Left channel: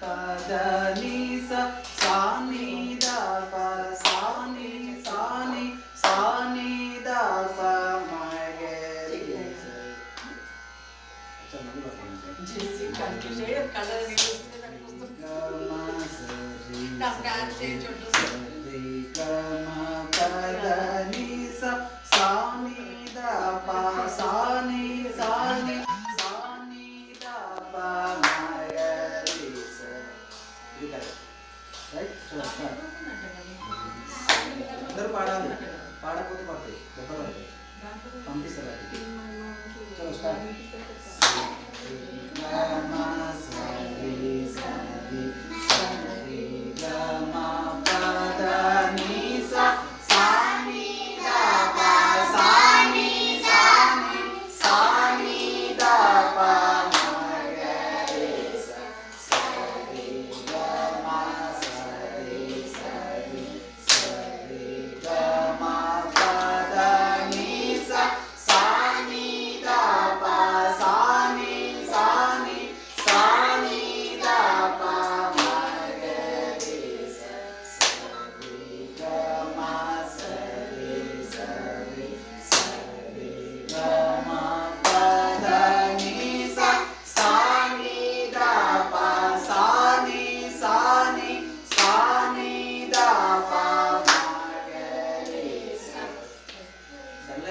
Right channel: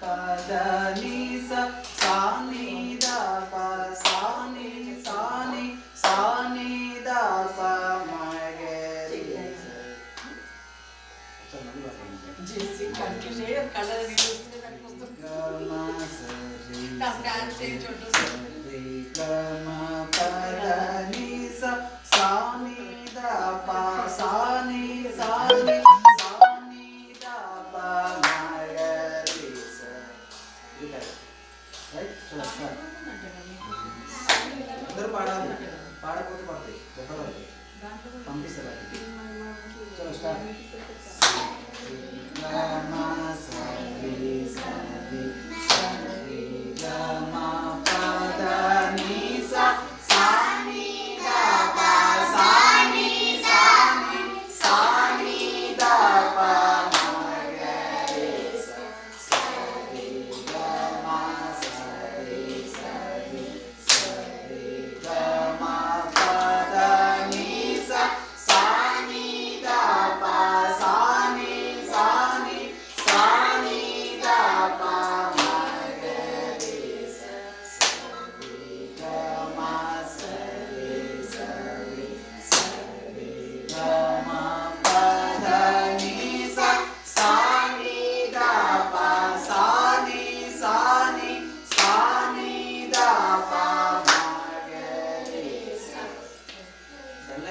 పద ని స సా ని ద ప సా ని సా ని ద ప మ గ రి స जिससे कंटिन्यू कलर वीडियोस में तक पुस्तक काम काम से छोटो से ग म पद नि स सा नि द प सा नि द प म ग रि स ఇది కరెక్ట్ రైట్ చలో స్టార్ట్ అందరూ పాడాలి పాడకపోతే పడతాయి దెబ్బలు పడతాయి పంపిస్తారు అది చలో స్టార్ట్ ग म स रि स रि स रि